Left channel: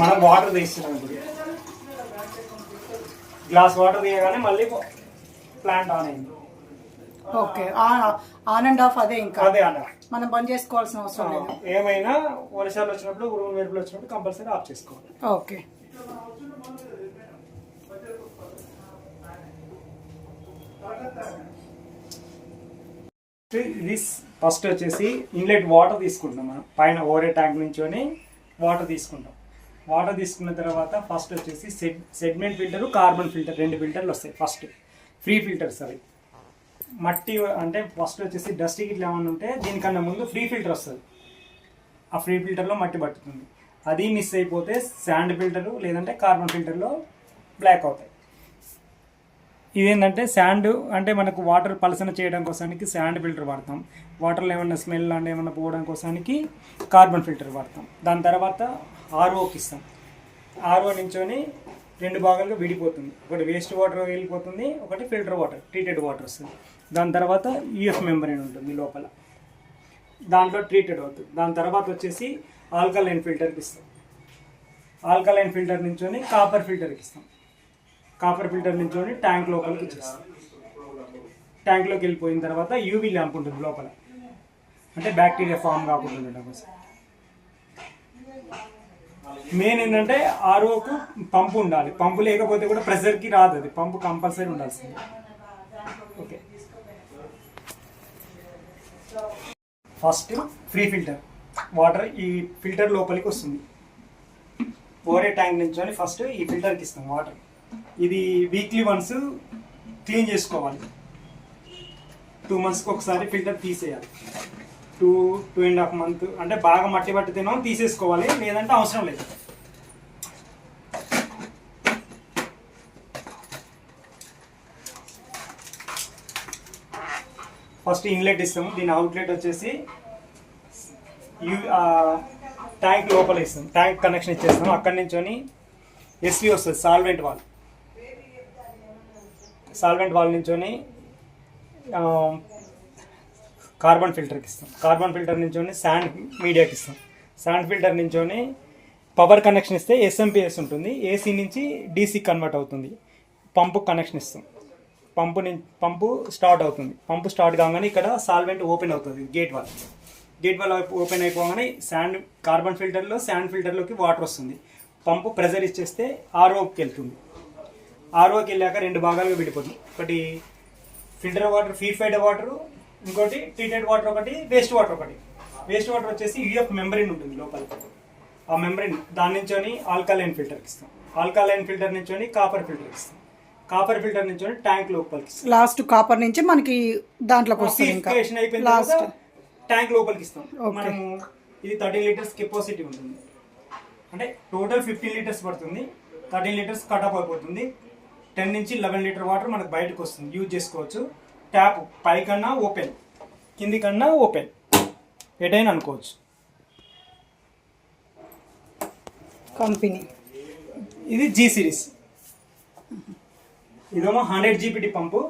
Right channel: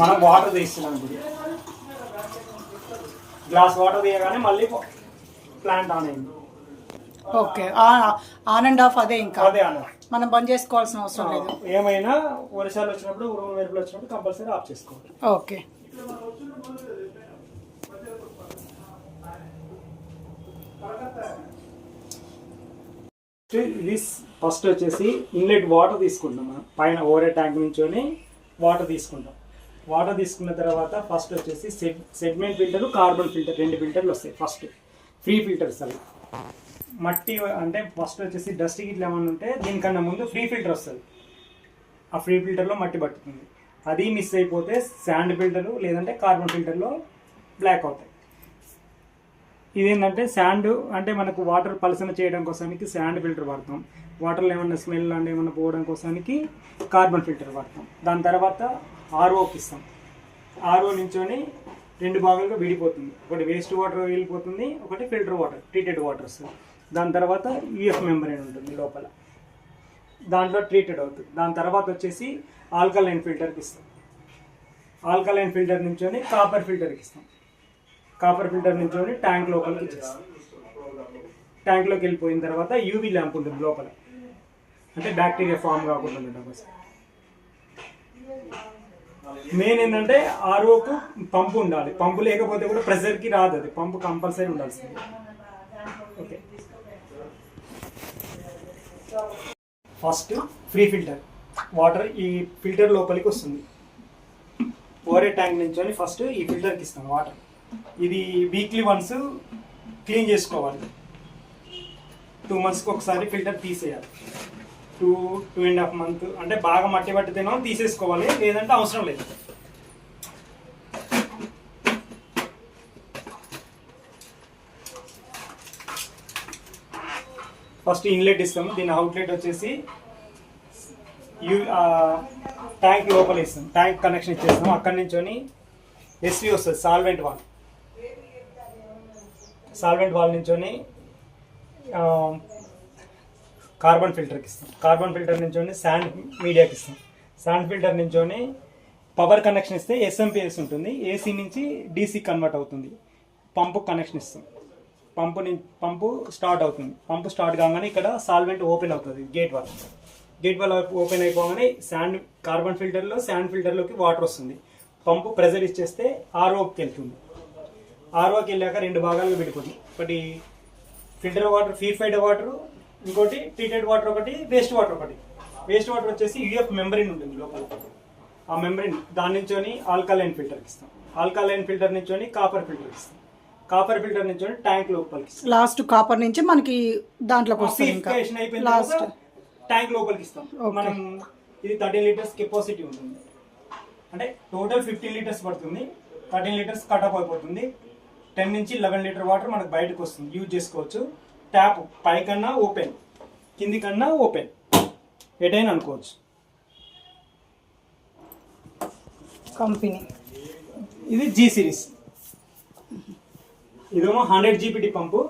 మనం వాటర్ తీస్తున్నాం ఇప్పుడు. గ్లాస్ వాటర్ తీయగానే మళ్ళీ ప్లాంట్ ఆన్ అయింది. ఓకే. ఆన్ అండ్ ఆఫ్ అదే ఇంకా. అదే అన్న మనం బంద్ చేసుకోవాల్సిన అవసరం లేదు. ఏమైనా వర్షాలు వచ్చినప్పుడు ఉరుము మెరుపులు వచ్చినప్పుడు కంపల్సరీ ఆఫ్ చేసుకోవాలి. ఓకే. ఇది ఫస్ట్ వచ్చేసి ఇన్లెట్ వాటర్ తీసుకుంటాం మనం. పైన ఓరే ట్యాంక్ నుంచొని వాటర్ తీసుకుంటాం. వాటర్ తీసుకున్న తర్వాత ఫస్ట్ వచ్చేసి సెగ్మెంట్ ఫిల్టర్ కార్బన్ ఫిల్టర్ రెండు ఫిల్టర్లు వస్తాయి ఫస్ట్ ఫ్రీ ఫిల్టర్స్ అవి. మట్టి అంటే ఫస్ట్ వచ్చేసి డస్ట్ ఇట్లా ఏమన్నా ఉంటే దీనికన్నా ముందు ఫ్రీ ఫిల్టర్ వస్తుంది. ఆ ఫ్రీ ఫిల్టర్లో మట్టి పట్టుతుంది అది మిస్ అయిపోతే శాండ్ ఫిల్టరు లేదంటే కార్బన్ ఫిల్టర్లో బ్లాక్ అవుతాయి. ఇదేంటంటే శాండ్ అంటే మనకు వాటర్ పలసన చేయడం కోసానికి శాండ్ ఫిల్టర్ వాడతాం. వాటర్లో ఏమన్నా స్మెల్ అంటే ఏమన్నా పోవడం కోసానికి కార్బన్ ఫిల్టర్ వాడతాం. దాని తర్వాత ఆర్ఓకి ఇస్తాం ఆర్ఓ నుంచొని రెండు భాగాలుగా విడిపోతుంది. ఒకటి వేస్ట్ వాటర్ వెళ్ళిపోతుంది ఒకటి ఫిల్టర్ వాటర్ ట్రీటెడ్ వాటర్ వస్తుంది దాని తర్వాత యూఎఫ్ మెంబరైన్ ఉంటుంది లోపల. దాంట్లో ట్రీటెడ్ అవుతుంది. దాని తర్వాత వచ్చేసి ఆల్కలైన్ ఫిల్టర్కి ఇస్తాం ఆల్కలైన్ ఫిల్టర్ నుంచొని కాపర్ ఫిల్టర్కి ఇస్తాం కాపర్ ఫిల్టర్ నుంచొని ట్యాంక్ లోపలికి ఇచ్చేస్తాం ట్యాంక్లోకి వెళ్ళిపోయిన తర్వాత యూవీ ల్యాంప్ ఉంటుంది లోపల. అంటే బ్యాక్టీరియా ఫామ్ కాకుండా ఉండటం కోసం. మెయిన్ ఏంటంటే ఆర్ఓకు పంపు ఉండాలి. పంపు లేకపోతే కూడా ప్రెషర్కి రాదు అది. పంపు కంపల్సరీ ఉండాల్సింది. Okay. First pre filter. Water ఈ ఫిల్టర్ లోపలికి వస్తుంది. ఓరే ట్యాంక్ నుంచి ఫస్ట్ ఈ ఫిల్టర్కి ఇస్తాం వాటర్. ఇది వీక్లీ వన్స్ క్లీన్ చేసుకోవాలి. టూ మంత్స్కి ఒకసారి ఫిల్టర్ తీసేయాలి. Two two and half month. అంటే బాగా మట్టి పట్టితేనో తీసేసుకోవాలి లేదంటే అవసరం లేదు. ఫస్ట్ ఇన్లెట్ ఇస్తాము దీని అవుట్లెట్ వచ్చేసి యూ ట్యాంక్ లోపల ఇస్తాం. ట్యాంక్ కనెక్షన్ ఇచ్చేస్తాం అక్కడి నుంచి ఎస్వి వస్తుంది సాల్వెంట్ వాల్. సాల్వెంట్ వాల్ నుంచొని కార్బన్ ఫిల్టర్కి ఇస్తాం. కార్బన్ ఫిల్టర్ నుంచి శాండ్ మీడియాకి ఇస్తాం. శాండ్ ఫిల్టర్ నుంచి పవర్ కనెక్షన్ ఇస్తే ఎస్ఎంపిఎస్ ఉంటుంది. ఏసీ నుంచి డీసీ కన్వర్ట్ అవుతుంది. పంపు కనెక్షన్ ఇస్తాం. పంపు నుంచి పంపు స్టార్ట్ అవుతుంది. పంపు స్టార్ట్ కాగానే ఇక్కడ సాల్వెంట్ ఓపెన్ అవుతుంది gate valve gate valve open అయిపోగానే శాండ్ కార్బన్ ఫిల్టర్లో శాండ్ ఫిల్టర్లోకి వాటర్ వస్తుంది. పంపు ప్రెజర్ ఇచ్చేస్తే ఆర్ఓకి వెళ్తుంది. ఆర్ఓకి వెళ్ళాక రెండు భాగాలుగా విడిపోతుంది. ఒకటి ఫిల్టర్ వాటర్ ప్యూరిఫైడ్ వాటర్ ఇంకోటి ట్రీటెడ్ వాటర్ ఒకటి వేస్ట్ వాటర్ ఒకటి. వేస్ట్ వాటర్ వచ్చేసి యూఎఫ్ మెంబరిన్ ఉంటుంది లోపల. ఆ మెంబరిన్ దాని నుంచి ఆల్కలైన్ ఫిల్టర్కి ఇస్తాం. ఆల్కలైన్ ఫిల్టర్ నుంచి కాపర్ ఫిల్టర్కి ఇస్తాం. కాపర్ ఫిల్టర్ నుంచి ట్యాంక్ లోపలికి లాస్ట్ కాపర్ నుంచి మనకి దాంట్లోకి వస్తుంది ఇంకా. లాస్ట్ ట్యాంక్ లోపలికి ఇస్తాం. మనము ఇది థర్టీన్ లీటర్స్ కెపాసిటీ ఉంటుంది. అంటే టోటల్ ఫిఫ్టీన్ లీటర్స్ పడుతుంది. థర్టీన్ లీటర్స్ కటప్ అయిపోతుంది. టెన్ నుంచి లెవెన్ లీటర్ వాటర్ మనకు బయటకు వస్తుంది. యూజ్ చేసుకోవచ్చు. ట్యాప్ పైకన్నా ఓపెన్ కింది కన్నా ఓపెన్. ఎటైనా అనుకోవచ్చు. కంపెనీ. ఇది జీ సిరీస్ ఇదేమో హండ్రెడ్ జీపీటీ పంపు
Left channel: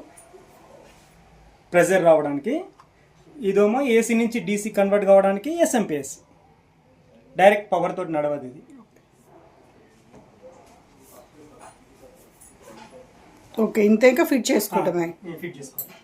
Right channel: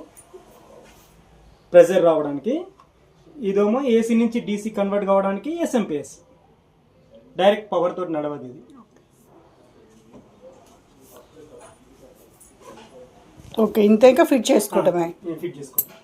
ప్రెజర్ రావడానికి. ఇదేమో ఏసీ నుంచి డీసీ కన్వర్ట్ కావడానికి ఎస్ఎంపిఎస్ డైరెక్ట్ పవర్ తోటి నడవదు ఇది. ఓకే ఇంతే ఇంకా ఫిట్ చేసుకోవటమే ఫిట్ చేసుకోవాలి